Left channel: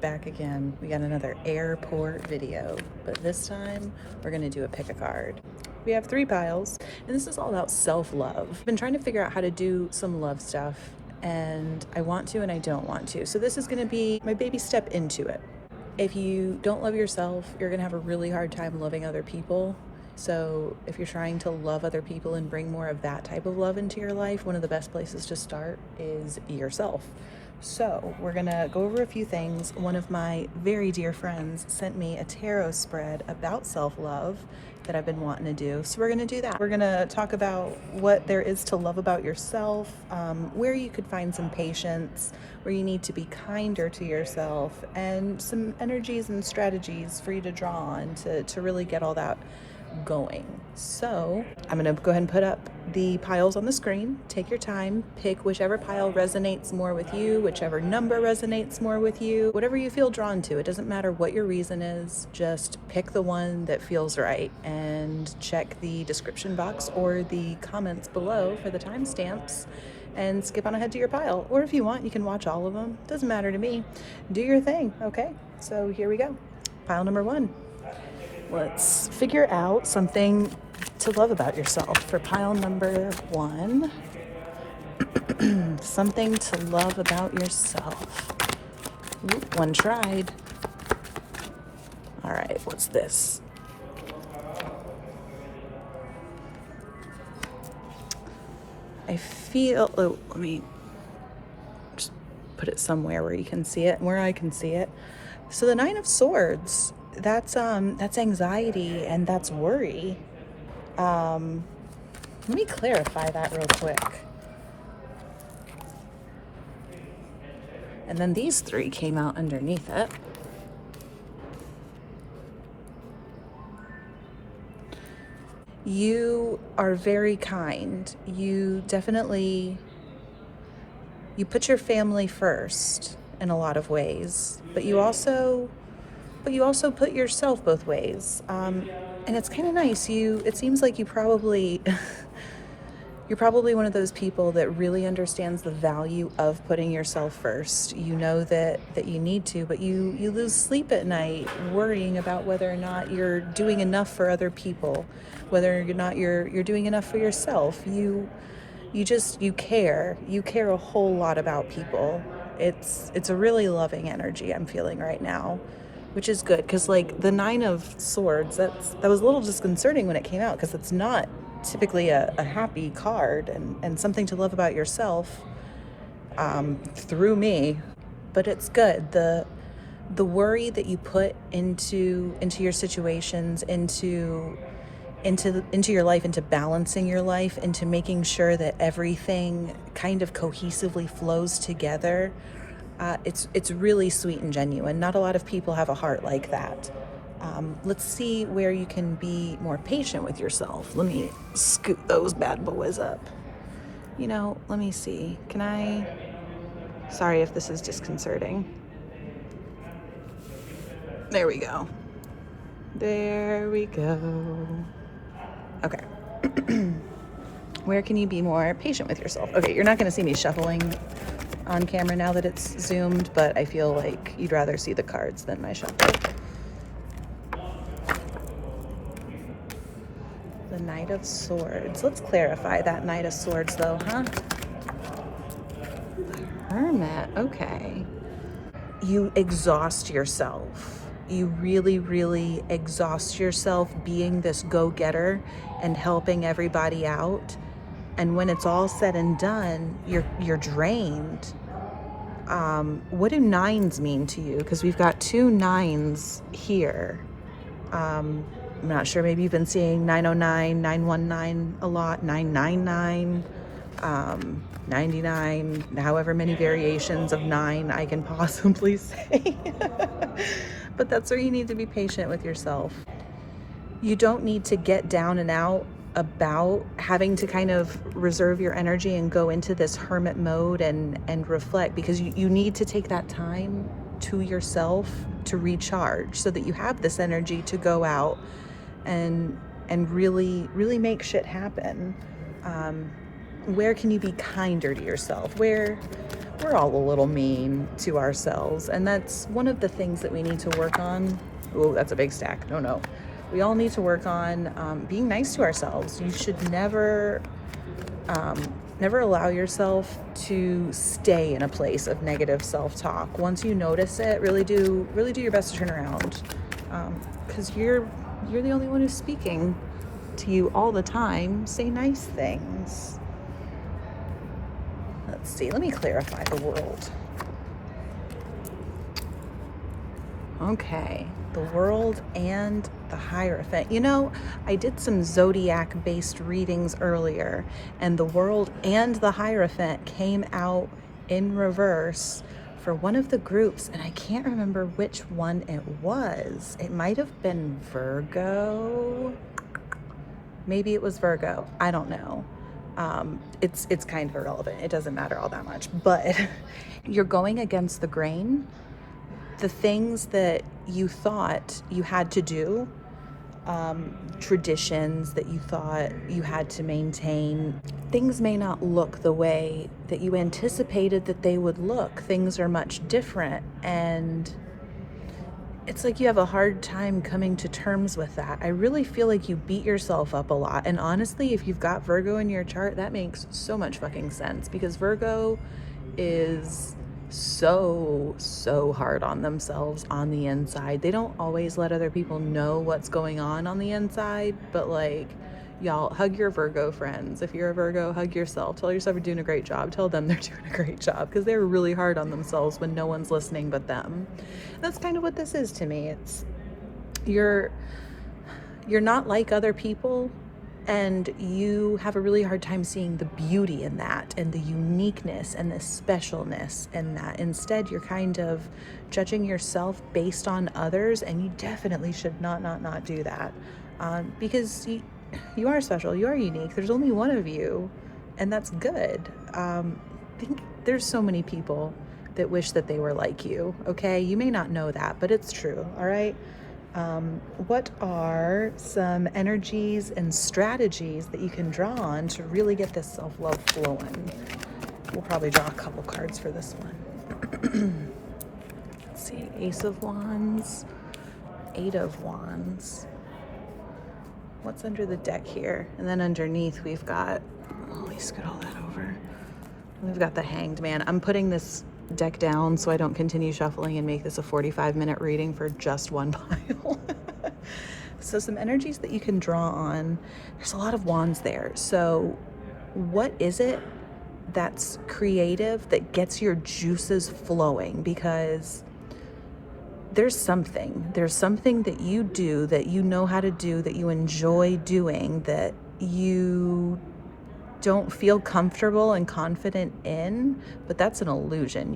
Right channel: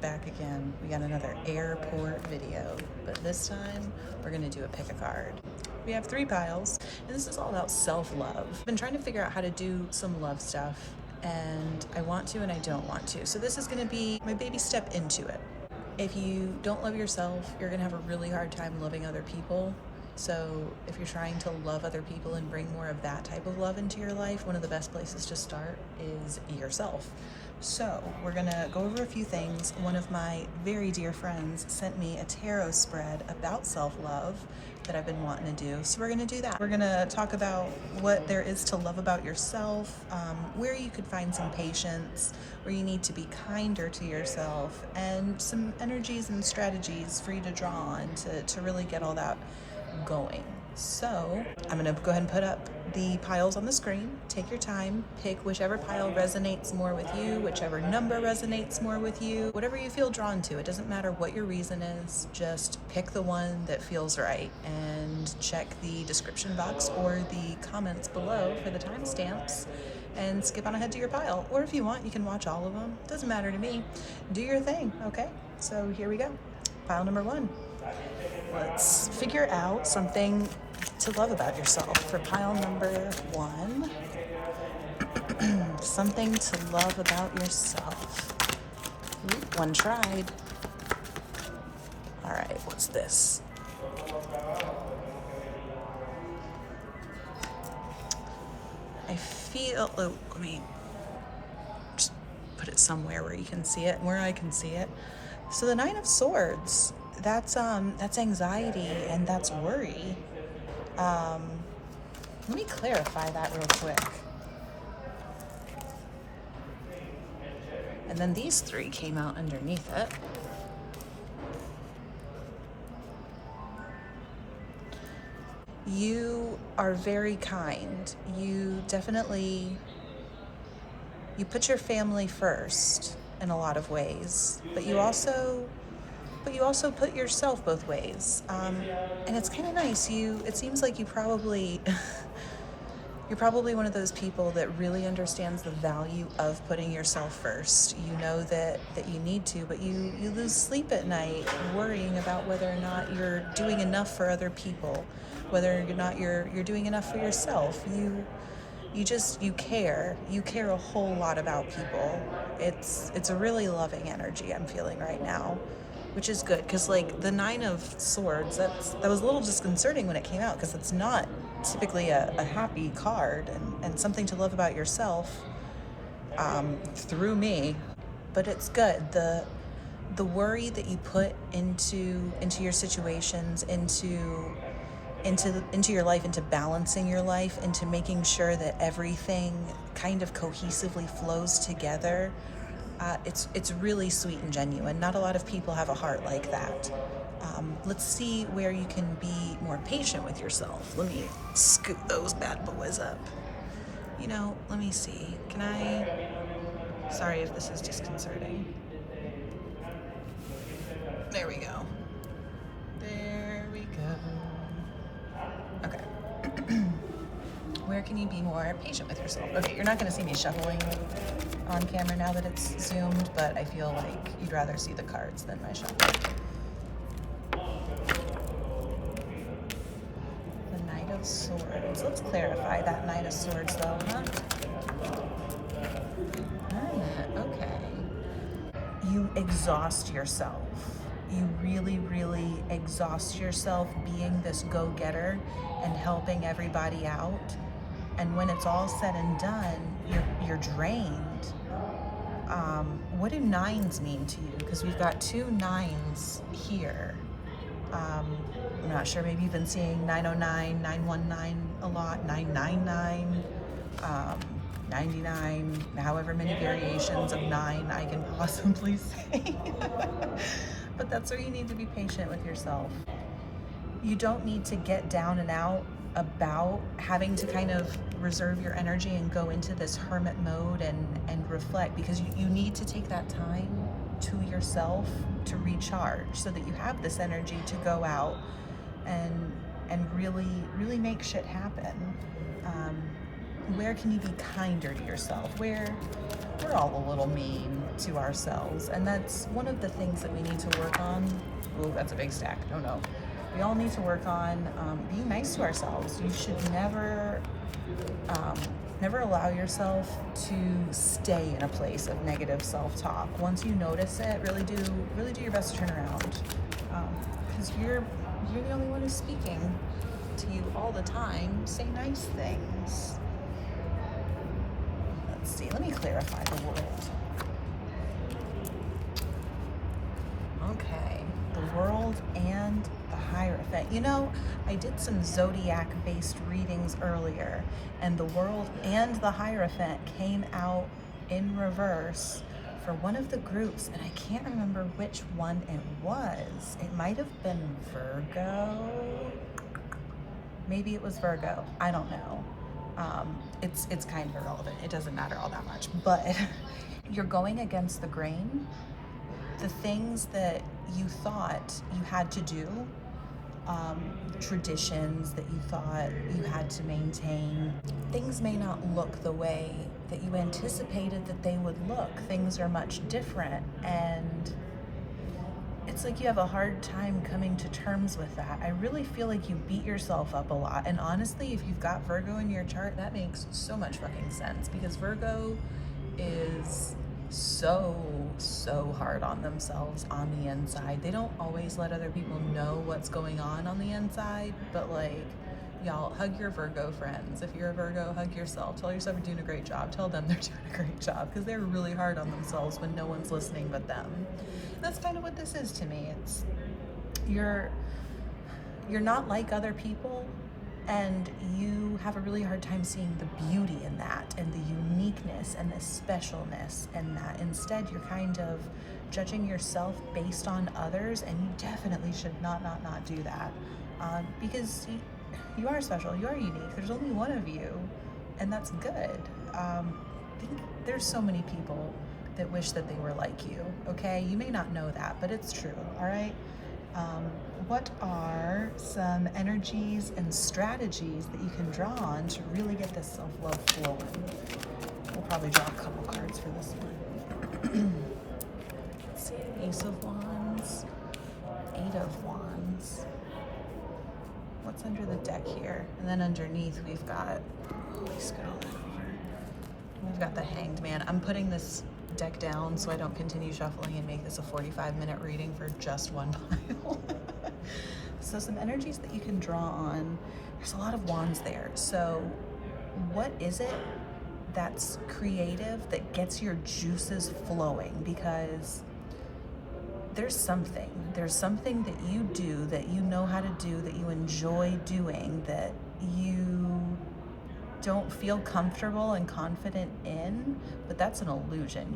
back again. We got another airport video, but this time we're gonna do a pick a card. We have 3 piles, and this is all about self-love. I've been trying to figure out how to do some love stuff, and I want to and I don't want to. So this is gonna be my baby step into it. If you don't love yourself, you're gonna have a really hard time loving other people. So if you're trying to love other people and bring more of that type of love into your life, one of the best places to start is yourself. So we're gonna go over a few things. One of my very dear friends sent me a tarot spread about self-love that I've been wanting to do. So we're gonna do that. We're gonna talk about what there is to love about yourself, where you could find some patience, where you need to be kinder to yourself, and some energies and strategies for you to draw on to really get all that going. So I'm gonna go ahead and put up the piles on the screen. Take your time, pick whichever pile resonates more with you, whichever number resonates more with you, whatever you feel drawn to. It doesn't matter what your reason is, just pick the one that feels right, and check the description box or the comments below for the timestamps and skip on ahead to your pile. Or if you want, you can watch all of them. Doesn't matter to me. Do your thing, okay? So here we go. Pile number 1. Let's figure out something to love about yourself for pile number 1. Something to love about yourself. Ooh, one tried. All right, what's this? I feel, oh, let me put it somewhere where you can see it, where I can see it. So the 9 of Swords, that's anxiety and that's worry. Let me clarify that real quick. And then these 3 came out underneath it. You are very kind. You put your family first in a lot of ways, but you also put yourself both ways. And it's kind of nice. It seems like you're probably one of those people that really understands the value of putting yourself first. You know that you need to, but you lose sleep at night worrying about whether or not you're doing enough for other people, whether or not you're doing enough for yourself. You care a whole lot about people. It's a really loving energy I'm feeling right now, which is good, because like the 9 of Swords, that was a little disconcerting when it came out, because it's not typically a happy card and something to love about yourself through me. But it's good. The worry that you put into your situations, into your life, into balancing your life, into making sure that everything kind of cohesively flows together, it's really sweet and genuine. Not a lot of people have a heart like that. Let's see where you can be more patient with yourself. Let me scoot those bad boys up. Let me see. Sorry if this is disconcerting. There we go. Okay. Where can you be more patient with yourself? Okay, you're not going to see me shuffling on camera now that it's zoomed, but I feel like you'd rather see the cards than my shuffle. The Knight of Swords. Let's clarify that Knight of Swords though, huh? Hermit, okay. You exhaust yourself. You really, really exhaust yourself being this go-getter and helping everybody out. And when it's all said and done, you're drained. What do 9s mean to you? Because we've got 2 9s here. I'm not sure, maybe you've been seeing 909, 919 a lot, 999, 99, however many variations of 9 I can possibly say. But that's where you need to be patient with yourself. You don't need to get down and out about having to kind of reserve your energy and go into this hermit mode and reflect, because you need to take that time to yourself to recharge so that you have this energy to go out and really, really make shit happen. Where can you be kinder to yourself? Where we're all a little mean to ourselves, and that's one of the things that we need to work on. Oh, that's a big stack. No. We all need to work on being nice to ourselves. You should never allow yourself to stay in a place of negative self-talk. Once you notice it, really do your best to turn around, because you're the only one who's speaking to you all the time. Say nice things. Let's see, let me clarify the world. Okay, the world and the Hierophant. You know, I did some zodiac-based readings earlier, and the world and the Hierophant came out in reverse for one of the groups, and I can't remember which one it was. It might have been Virgo. Maybe it was Virgo. I don't know. It's kind of irrelevant. It doesn't matter all that much. But you're going against the grain. The things that you thought you had to do, traditions that you thought you had to maintain, things may not look the way that you anticipated that they would look. Things are much different, and it's like you have a hard time coming to terms with that. I really feel like you beat yourself up a lot. And honestly, if you've got Virgo in your chart, that makes so much fucking sense, because Virgo is so hard on themselves on the inside. They don't always let other people know what's going on the inside, but like, y'all, hug your Virgo friends. If you're a Virgo, hug yourself. Tell yourself you're doing a great job. Tell them they're doing a great job, because they're really hard on themselves when no one's listening but them. That's kind of what this is to me. It's you're not like other people, and you have a really hard time seeing the beauty in that and the uniqueness and the specialness in that. Instead, you're kind of judging yourself based on others, and you definitely should not do that, because you are special, you are unique. There's only one of you, and that's good. I think there's so many people that wish that they were like you, okay? You may not know that, but it's true, all right? What are some energies and strategies that you can draw on to really get this self-love flowing? We'll probably draw a couple cards for this one. Let's see, Ace of Wands, Eight of Wands. What's under the deck here? And then underneath we've got, let me scoot all that over. We've got the Hanged Man. I'm putting this deck down so I don't continue shuffling and make this a 45-minute reading for just one pile. So some energies that you can draw on. There's a lot of wands there. So what is it that's creative that gets your juices flowing? Because there's something that you do, that you know how to do, that you enjoy doing, that you don't feel comfortable and confident in, but that's an illusion.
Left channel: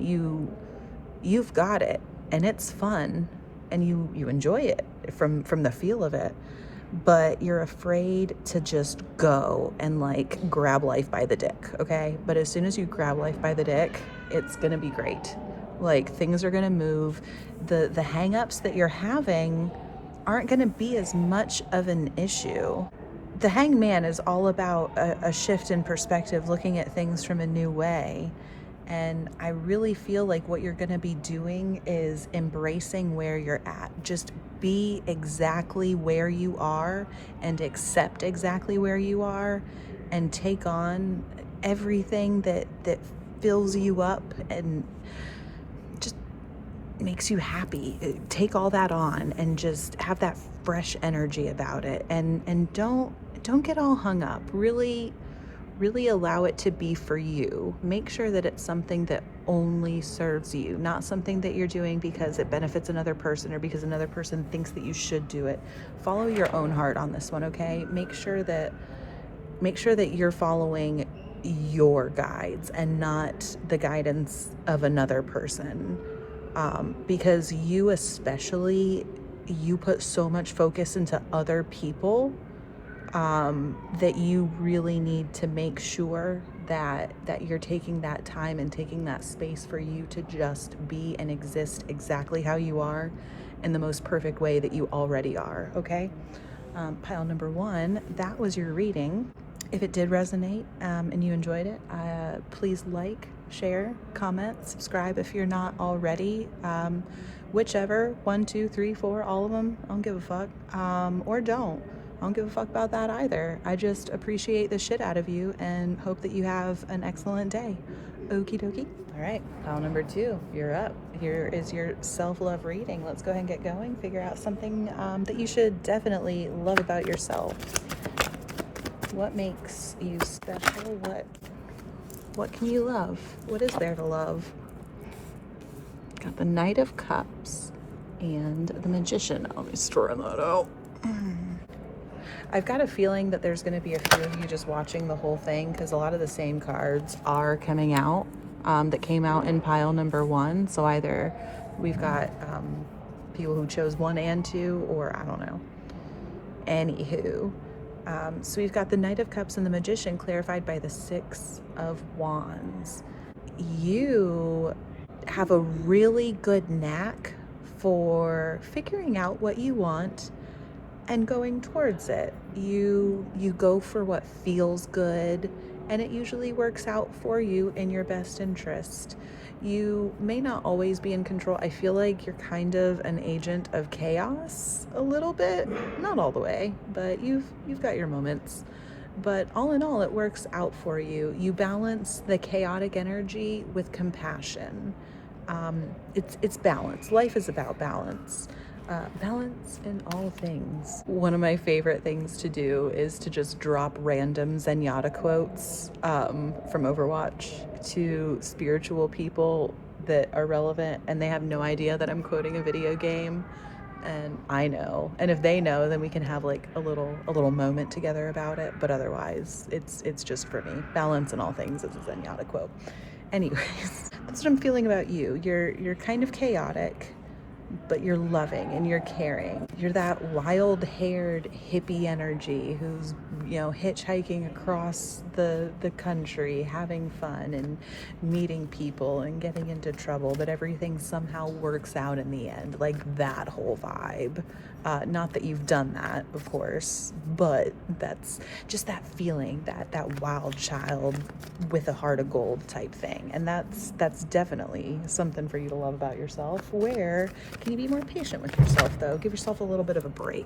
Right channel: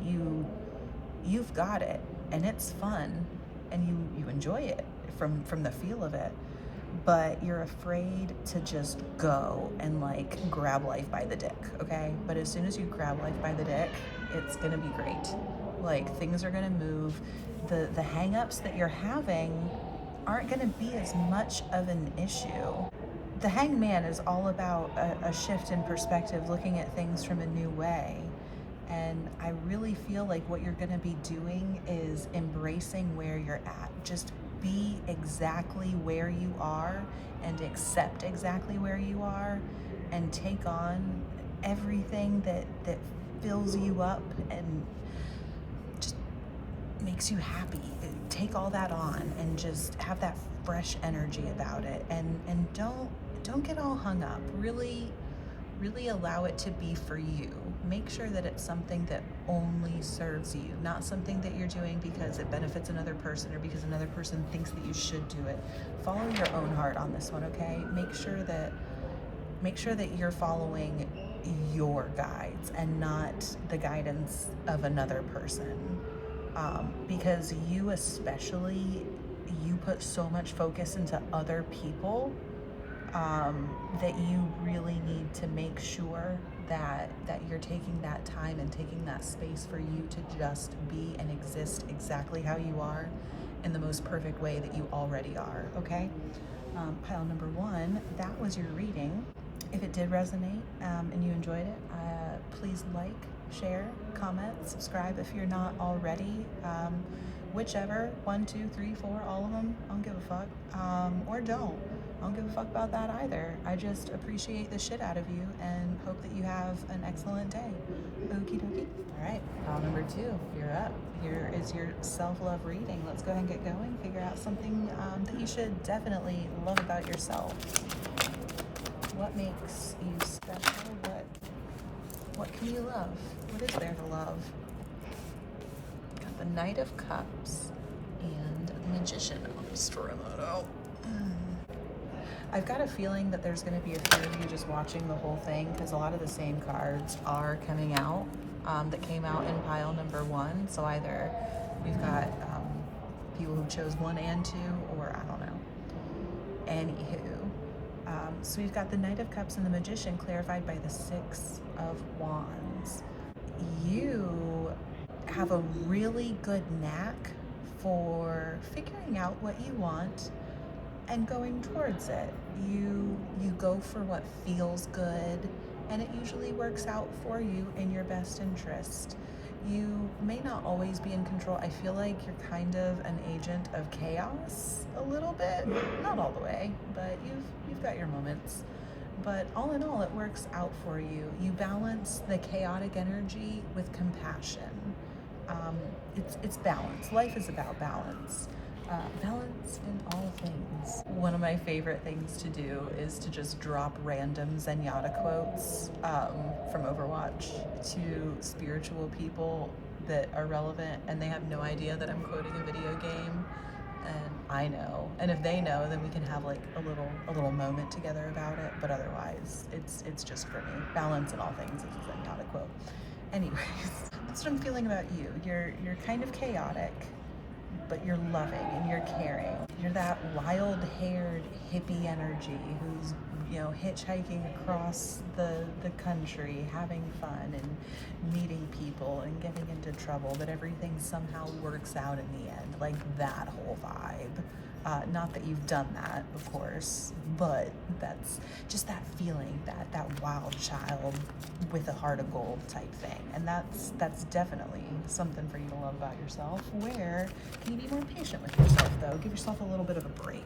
You've got it, and it's fun, and you enjoy it from the feel of it, but you're afraid to just go and like grab life by the dick, okay? But as soon as you grab life by the dick, it's gonna be great. Like, things are gonna move. The hang-ups that you're having aren't gonna be as much of an issue. The Hanged Man is all about a shift in perspective, looking at things from a new way. And I really feel like what you're gonna be doing is embracing where you're at. Just be exactly where you are and accept exactly where you are, and take on everything that fills you up and just makes you happy. Take all that on and just have that fresh energy about it, and don't get all hung up. Really allow it to be for you. Make sure that it's something that only serves you, not something that you're doing because it benefits another person or because another person thinks that you should do it. Follow your own heart on this one, okay? Make sure that you're following your guides and not the guidance of another person, because you especially, you put so much focus into other people, that you really need to make sure that you're taking that time and taking that space for you to just be and exist exactly how you are, in the most perfect way that you already are, okay? Pile number one, that was your reading. If it did resonate, and you enjoyed it, please like, share, comment, subscribe if you're not already. Whichever, 1, 2, 3, 4, all of them, I don't give a fuck. Or don't. I don't give a fuck about that either. I just appreciate the shit out of you and hope that you have an excellent day. Okie dokie. All right, pile number 2, you're up. Here is your self-love reading. Let's go ahead and get going. Figure out something that you should definitely love about yourself. What makes you special? What can you love? What is there to love? Got the Knight of Cups and the Magician. I'll be storing that out. I've got a feeling that there's going to be a few of you just watching the whole thing, because a lot of the same cards are coming out that came out in pile number 1. So either we've got people who chose 1 and 2, or I don't know. Anywho. So we've got the Knight of Cups and the Magician clarified by the 6 of Wands. You have a really good knack for figuring out what you want and going towards it. You go for what feels good, and it usually works out for you in your best interest. You may not always be in control. I feel like you're kind of an agent of chaos a little bit, not all the way, but you've got your moments. But all in all, it works out for you. You balance the chaotic energy with compassion. It's balance. Life is about balance. Balance in all things. One of my favorite things to do is to just drop random Zenyatta quotes from Overwatch to spiritual people that are relevant, and they have no idea that I'm quoting a video game, and I know. And if they know, then we can have like a little moment together about it. But otherwise, it's just for me. Balance in all things is a Zenyatta quote. Anyways, that's what I'm feeling about you. You're kind of chaotic, but you're loving and you're caring. You're that wild-haired hippie energy who's, hitchhiking across the country, having fun and meeting people and getting into trouble, but everything somehow works out in the end. Like that whole vibe. Not that you've done that, of course, but that's just that feeling, that wild child with a heart of gold type thing. And that's definitely something for you to love about yourself. Where can you be more patient with yourself, though? Give yourself a little bit of a break.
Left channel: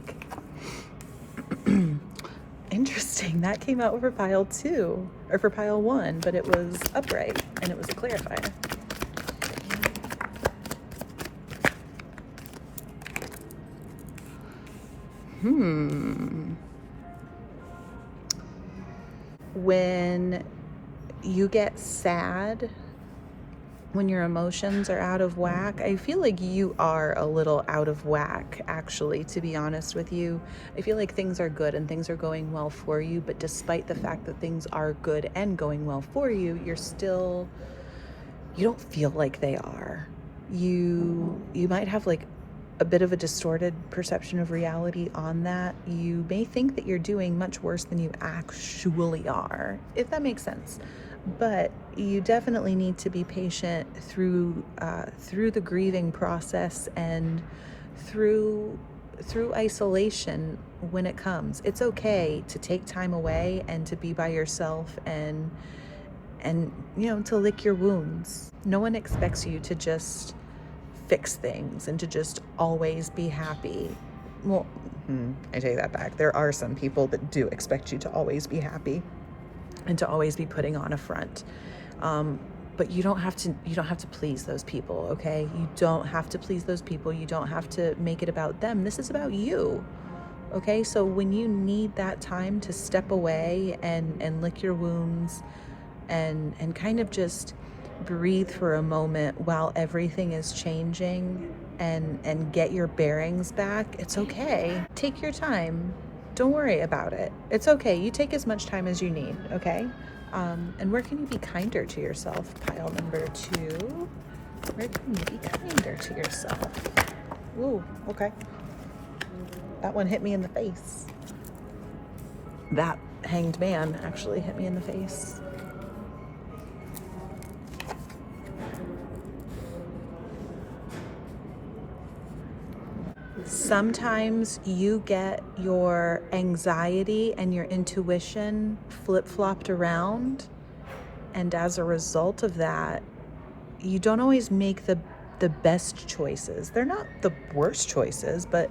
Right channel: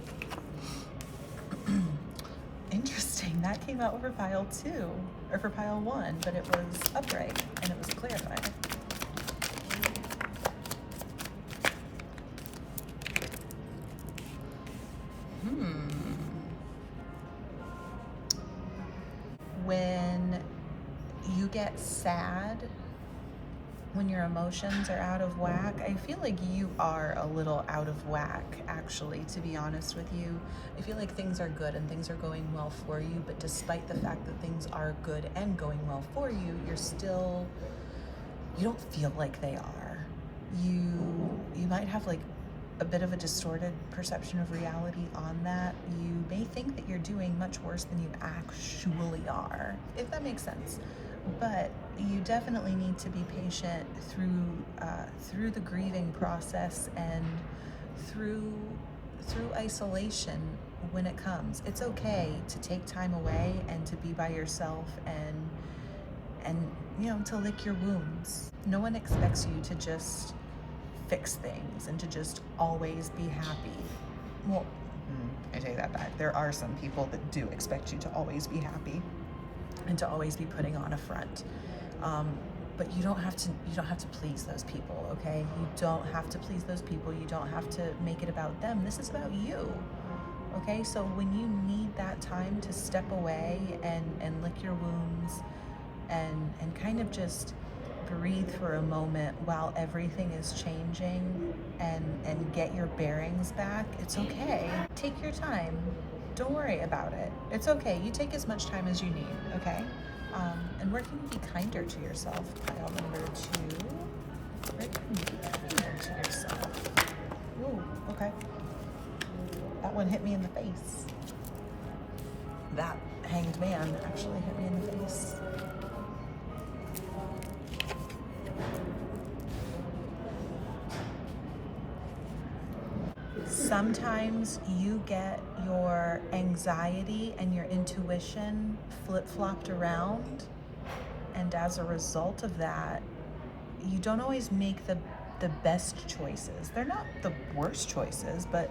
Interesting, that came out for pile 2, or for pile 1, but it was upright, and it was a clarifier. When you get sad, when your emotions are out of whack, I feel like you are a little out of whack, actually, to be honest with you. I feel like things are good and things are going well for you, but despite the fact that things are good and going well for you, you don't feel like they are. You might have like a bit of a distorted perception of reality on that. You may think that you're doing much worse than you actually are, if that makes sense. But you definitely need to be patient through the grieving process and through isolation when it comes. It's okay to take time away and to be by yourself and to lick your wounds. No one expects you to just fix things and to just always be happy. Well, I take that back. There are some people that do expect you to always be happy and to always be putting on a front. But you don't have to please those people, okay? You don't have to please those people. You don't have to make it about them. This is about you, okay? So when you need that time to step away and lick your wounds and kind of just breathe for a moment while everything is changing and get your bearings back, it's okay. Take your time. Don't worry about it. It's okay. You take as much time as you need, okay? And where can you be kinder to yourself? Pile number 2. Where can you be kinder to yourself? Ooh, okay. That one hit me in the face. That Hanged Man actually hit me in the face. Sometimes you get your anxiety and your intuition flip-flopped around, And as a result of that, you don't always make the best choices. They're not the worst choices, but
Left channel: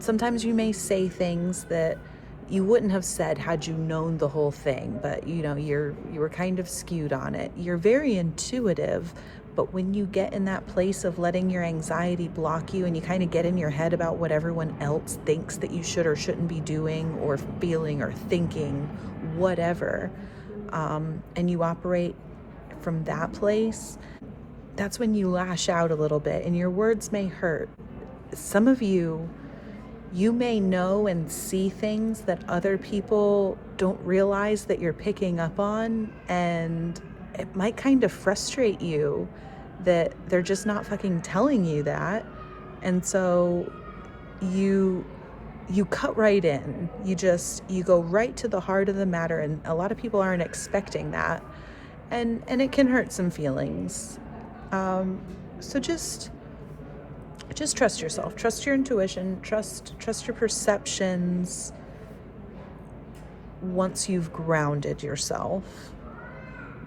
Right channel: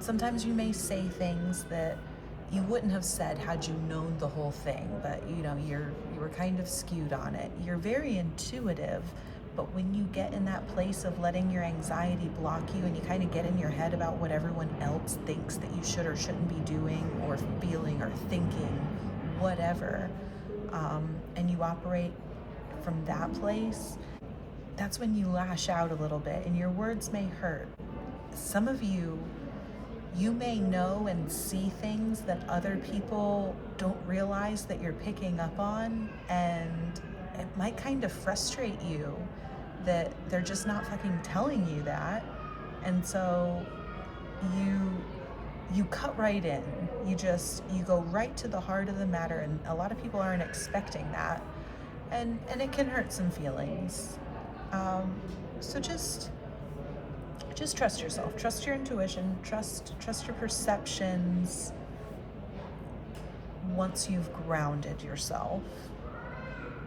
sometimes you may say things that you wouldn't have said had you known the whole thing, but you were kind of skewed on it. You're very intuitive, but when you get in that place of letting your anxiety block you and you kind of get in your head about what everyone else thinks that you should or shouldn't be doing or feeling or thinking, whatever, and you operate from that place, that's when you lash out a little bit and your words may hurt. Some of you may know and see things that other people don't realize that you're picking up on, and it might kind of frustrate you that they're just not fucking telling you that. And so you cut right in. You go right to the heart of the matter, and a lot of people aren't expecting that. And it can hurt some feelings. So just trust yourself, trust your intuition, trust your perceptions. Once you've grounded yourself,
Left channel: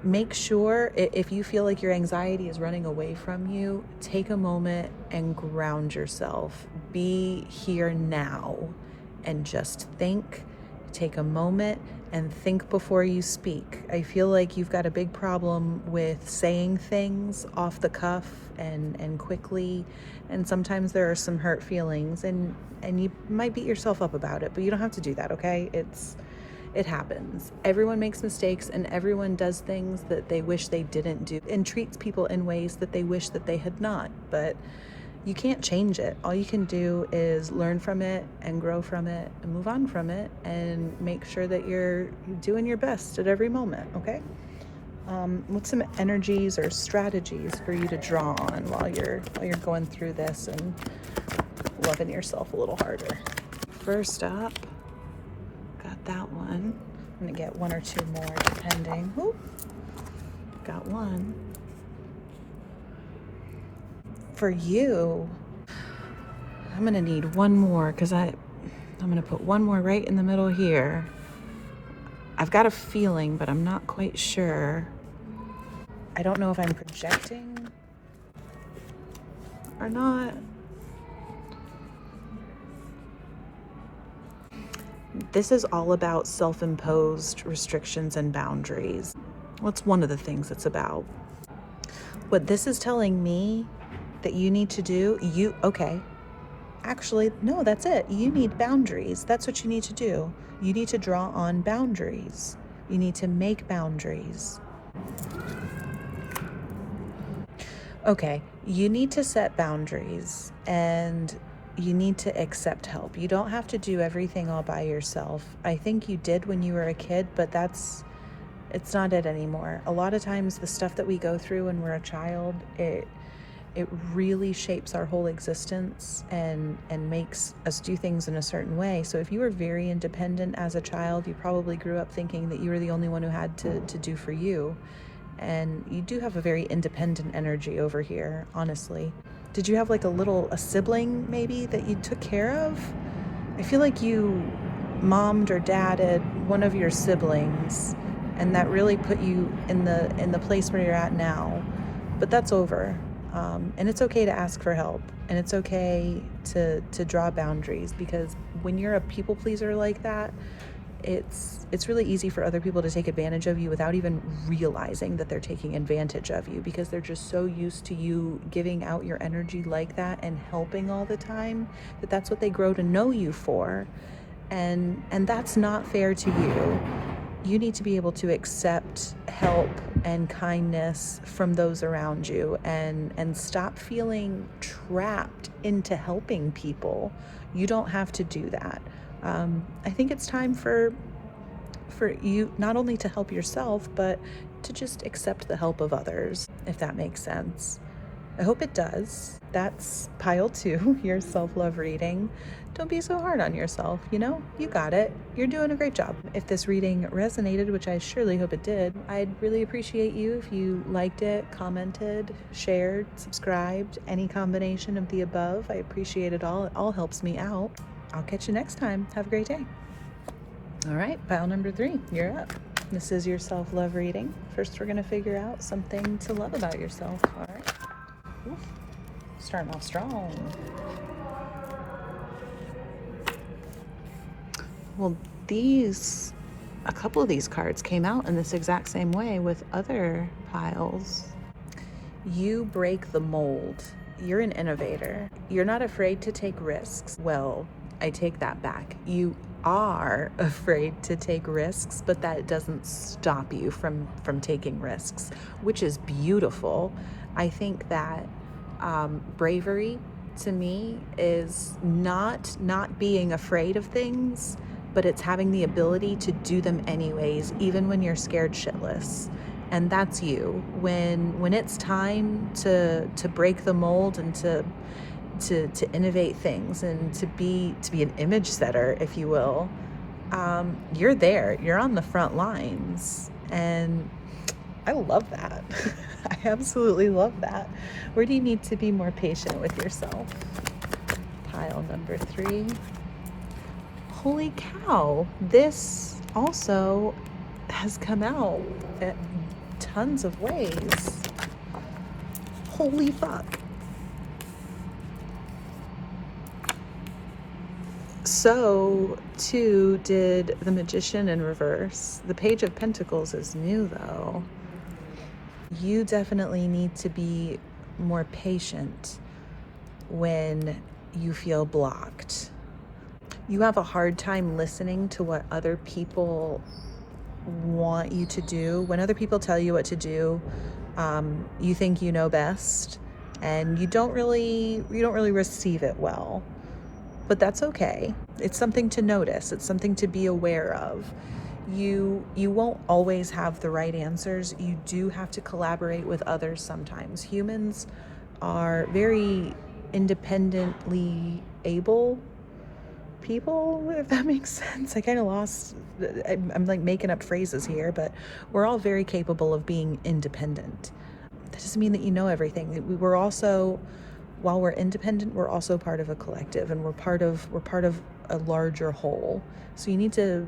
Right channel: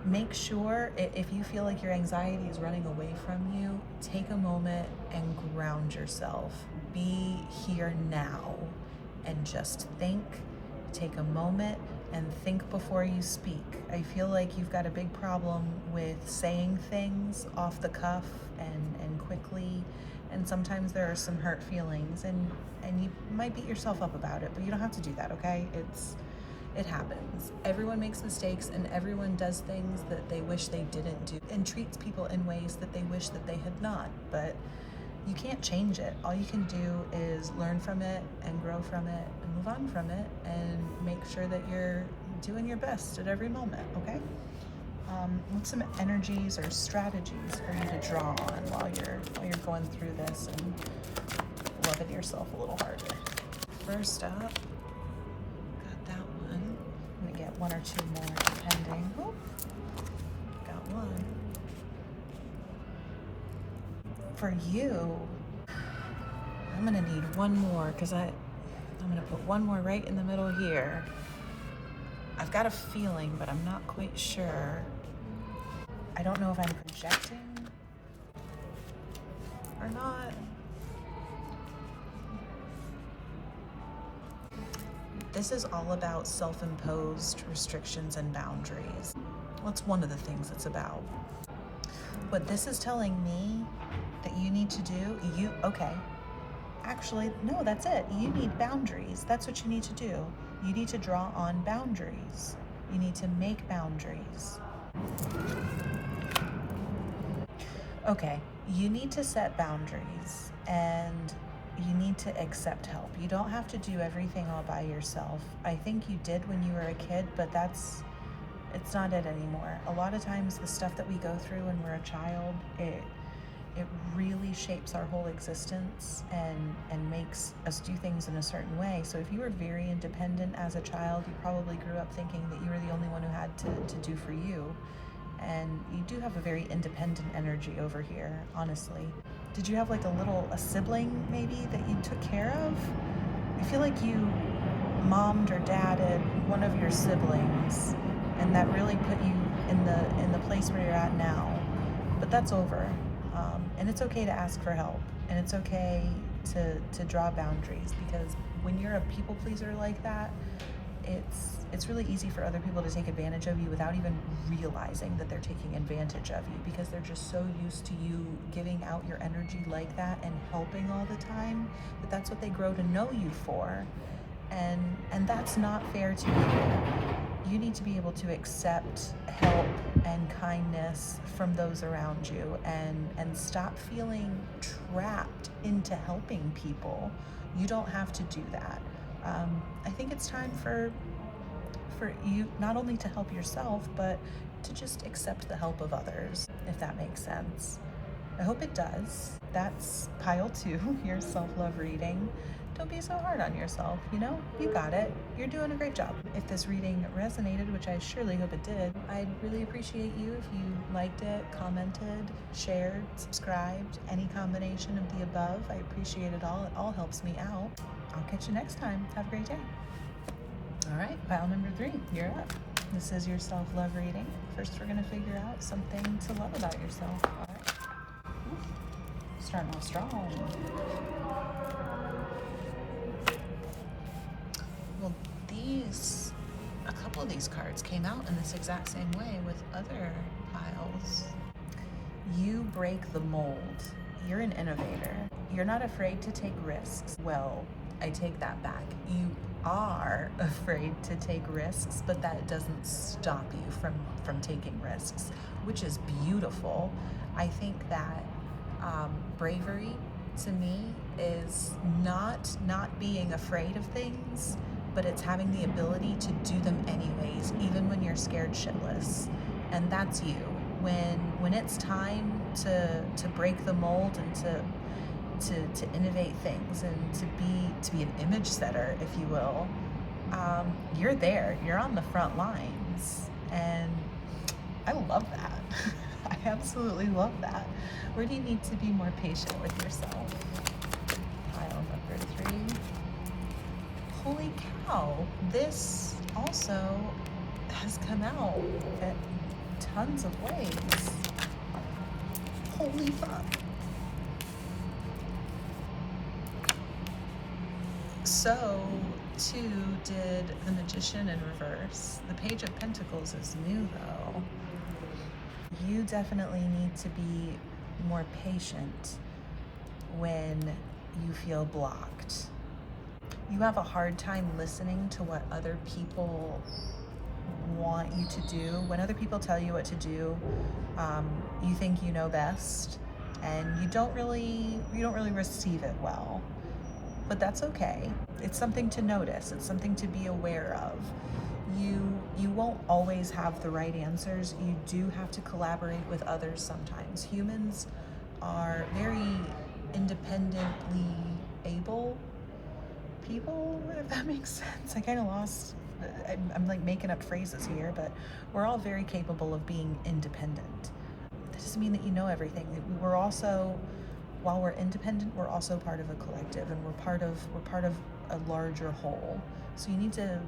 make sure, if you feel like your anxiety is running away from you, take a moment and ground yourself. Be here now and just think. Take a moment and think before you speak. I feel like you've got a big problem with saying things off the cuff and quickly, and sometimes there are some hurt feelings, and you might beat yourself up about it, but you don't have to do that, okay? It happens. Everyone makes mistakes, and everyone does things that they wish they didn't do and treats people in ways that they wish that they had not, but you can't change it. All you can do is learn from it and grow from it and move on from it and make sure that you're doing your best at every moment, okay? What's some energies or strategies for you to draw on while you're going through this and loving yourself a little harder? First up, got that one. I'm gonna get one or two more depending. Whoop. Got one. For you, I'm gonna need one more because I'm gonna put one more right in the middle here. I've got a feeling, but I'm not quite sure. I don't know if I'm projecting or not. This is all about self-imposed restrictions and boundaries. What's one of the things it's about? What this is telling me that you need to do, actually, no, that's it. You need boundaries. That's what you need to do. You need to draw on boundaries. You need to make boundaries. Okay, you need to set boundaries, and you need to accept help. You don't have to do everything all by yourself. I think you did when you were a kid, but it's not it anymore. A lot of times the stuff that we go through when we're a child, it really shapes our whole existence and makes us do things in a certain way. So if you were very independent as a child, you probably grew up thinking that you were the only one who had to do for you. And you do have a very independent energy over here, honestly. Did you have like a sibling maybe that you took care of? I feel like you mommed or dadded one of your siblings, and that really put you in the place where you're at now. But that's over. And it's okay to ask for help, and it's okay to draw boundaries, because when you're a people pleaser like that, it's really easy for other people to take advantage of you without even realizing that they're taking advantage of you, because they're just so used to you giving out your energy like that and helping all the time, that's what they grow to know you for, and that's not fair to you. You need to be able to accept help and kindness from those around you, and stop feeling trapped into helping people. You don't have to do that. I think it's time for you not only to help yourself, but to just accept the help of others, if that makes sense. I hope it does. That's pile 2, your self-love reading. Don't be so hard on yourself, you got it. You're doing a great job. If this reading resonated, which I surely hope it did, I'd really appreciate you if you liked it, commented, shared, subscribed, any combination of the above. I appreciate it all. It all helps me out. I'll catch you next time. Have a great day. All right, pile number 3, you're up. This is your self-love reading. First, we're gonna figure out something to love about yourself. All right. Ooh, starting off strong. Well, a couple of these cards came out in this exact same way with other piles. You break the mold. You're an innovator. You're not afraid to take risks. Well, I take that back. You are afraid to take risks, but that doesn't stop you from taking risks, which is beautiful. I think that bravery to me is not being afraid of things, but it's having the ability to do them anyways, even when you're scared shitless. And that's you. When it's time to break the mold and to innovate things and to be an image setter, if you will, you're there. You're on the front lines, and I love that. I absolutely love that. Where do you need to be more patient with yourself? Pile number 3. Holy cow, this also has come out in tons of ways. Holy fuck. So too did the Magician in reverse. The Page of Pentacles is new though. You definitely need to be more patient when you feel blocked. You have a hard time listening to what other people want you to do. When other people tell you what to do, you think you know best, and you don't really receive it well. But that's okay. It's something to notice. It's something to be aware of. You won't always have the right answers. You do have to collaborate with others sometimes. Humans are very independently able people, if that makes sense. I kind of lost, I'm like making up phrases here, but we're all very capable of being independent. That doesn't mean that you know everything. We're also, while we're independent, we're also part of a collective, and we're part of a larger whole. So you need to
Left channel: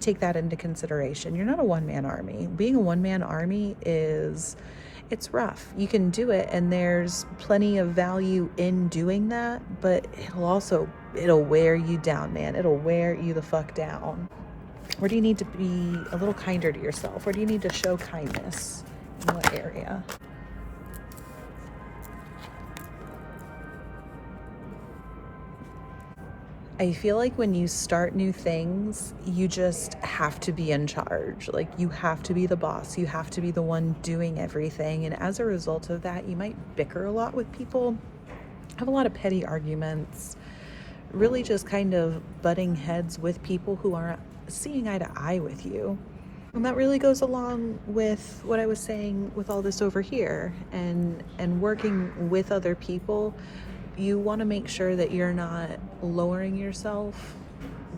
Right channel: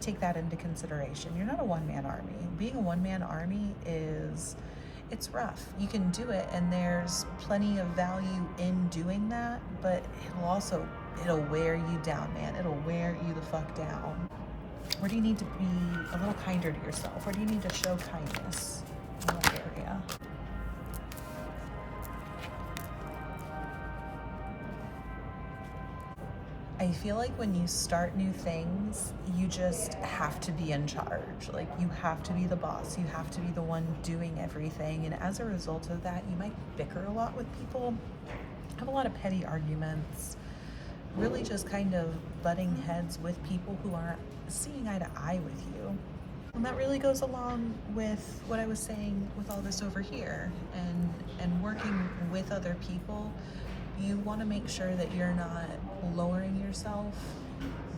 take that into consideration. You're not a one-man army. Being a one-man army it's rough. You can do it, and there's plenty of value in doing that, but it'll wear you down, man. It'll wear you the fuck down. Where do you need to be a little kinder to yourself? Where do you need to show kindness? In what area? I feel like when you start new things, you just have to be in charge. Like, you have to be the boss. You have to be the one doing everything. And as a result of that, you might bicker a lot with people, have a lot of petty arguments, really just kind of butting heads with people who aren't seeing eye to eye with you. And that really goes along with what I was saying with all this over here, and working with other people. You want to make sure that you're not lowering yourself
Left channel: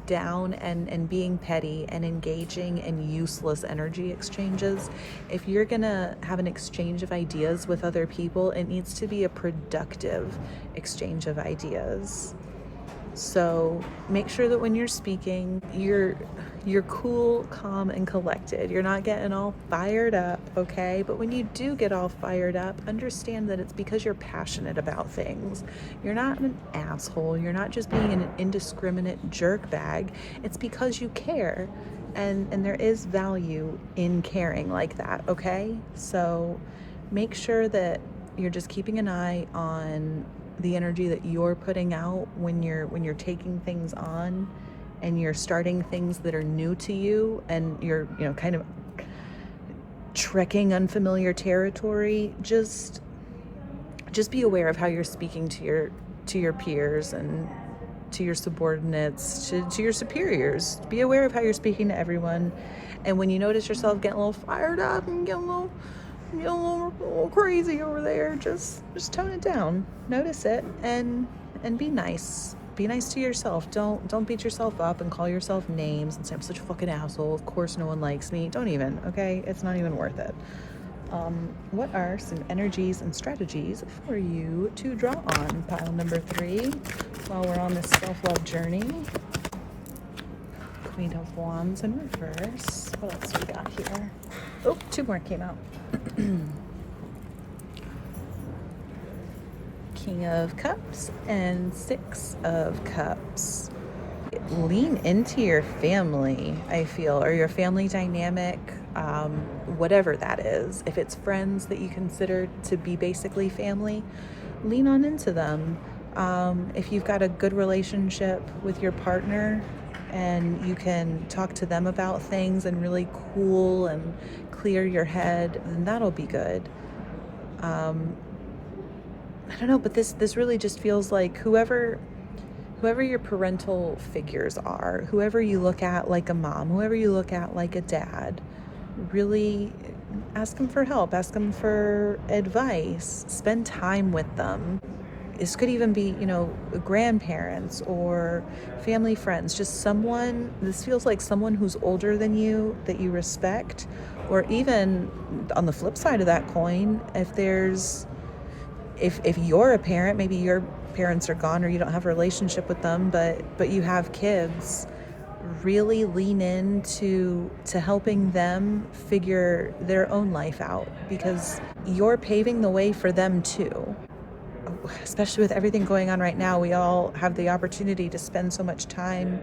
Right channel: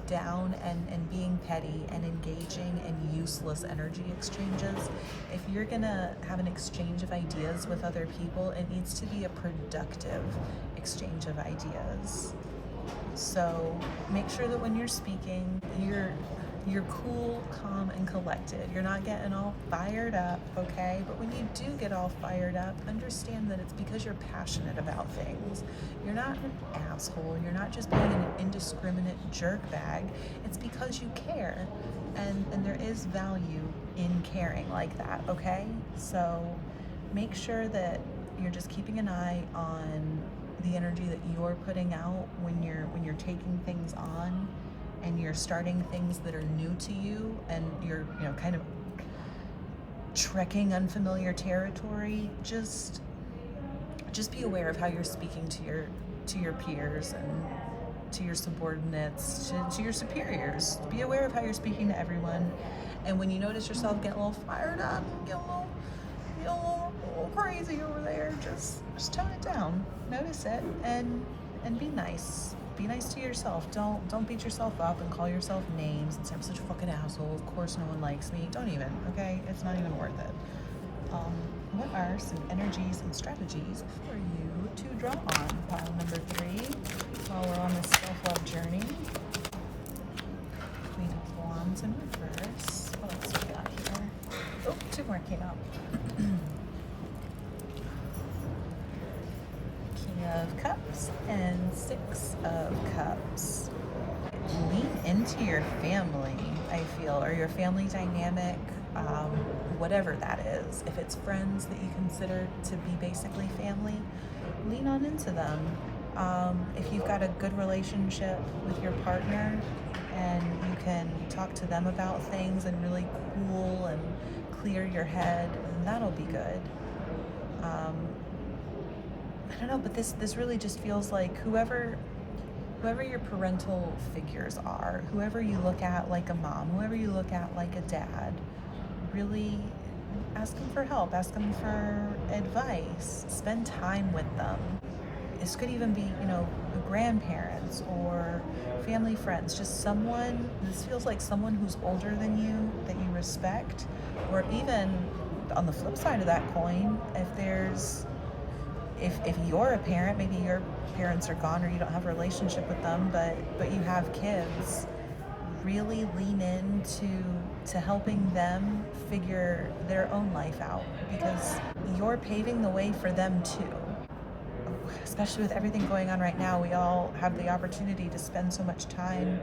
down and being petty and engaging in useless energy exchanges. If you're gonna have an exchange of ideas with other people, it needs to be a productive exchange of ideas. So make sure that when you're speaking, you're cool, calm, and collected. You're not getting all fired up, okay? But when you do get all fired up, understand that it's because you're passionate about things. You're not an asshole. You're not just being an indiscriminate jerkbag. It's because you care. And there is value in caring like that, okay? So make sure that you're just keeping an eye on the energy that you're putting out when you're taking things on, and you're starting things that are new to you, and you're kind of trekking unfamiliar territory. Just be aware of how you're speaking to your peers and to your subordinates, to your superiors. Be aware of how you're speaking to everyone. And when you notice yourself getting a little fired up and getting a little crazy over there, just tone it down. Notice it and be nice. Be nice to yourself. Don't beat yourself up and call yourself names and say, I'm such a fucking asshole. Of course no one likes me. Don't even, okay? It's not even worth it. What are some energies and strategies for you to draw on? Pile number 3, while we're on this self-love journey. Queen of Wands in reverse. What else we got here? Oh, two more came out. King of Cups and Six of Cups. Lean into your family, I feel, or your family dynamic, whatever that is. If it's friends that you consider to be basically family, lean on into them. If you've got a good relationship with your partner and you can talk to them about things and really cool and clear your head, then that'll be good. I don't know, but this really just feels like whoever your parental figures are, whoever you look at like a mom, whoever you look at like a dad, really ask them for help, ask them for advice, spend time with them. This could even be, grandparents or family friends, just someone, this feels like someone who's older than you that you respect, or even on the flip side of that coin, if you're a parent, maybe your parents are gone or you don't have a relationship with them, but you have kids, really lean into helping them figure their own life out, because you're paving the way for them too. Especially with everything going on right now, we all have the opportunity to spend so much time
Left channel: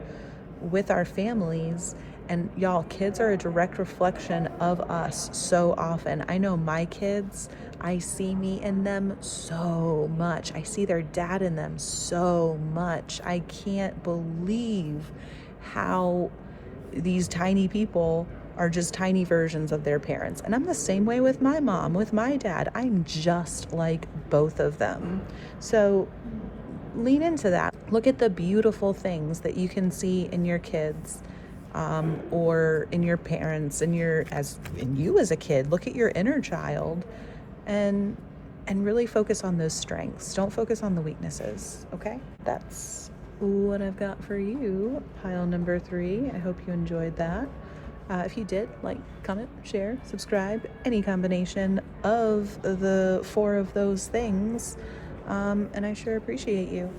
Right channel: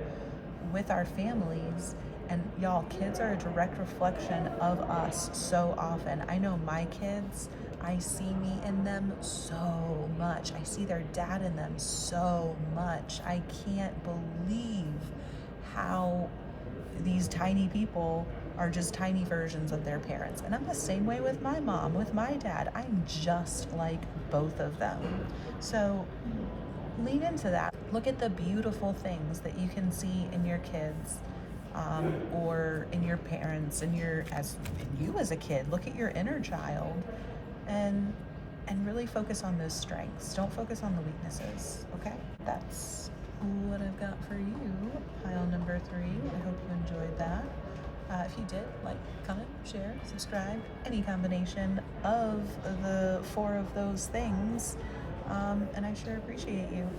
with our families, and y'all, kids are a direct reflection of us so often. I know my kids, I see me in them so much. I see their dad in them so much. I can't believe how these tiny people are just tiny versions of their parents. And I'm the same way with my mom, with my dad. I'm just like both of them. So lean into that. Look at the beautiful things that you can see in your kids, or in your parents, in you as a kid. Look at your inner child and really focus on those strengths. Don't focus on the weaknesses, okay? That's what I've got for you, pile number 3. I hope you enjoyed that. If you did, like, comment, share, subscribe, any combination of the 4 of those things, and I sure appreciate you.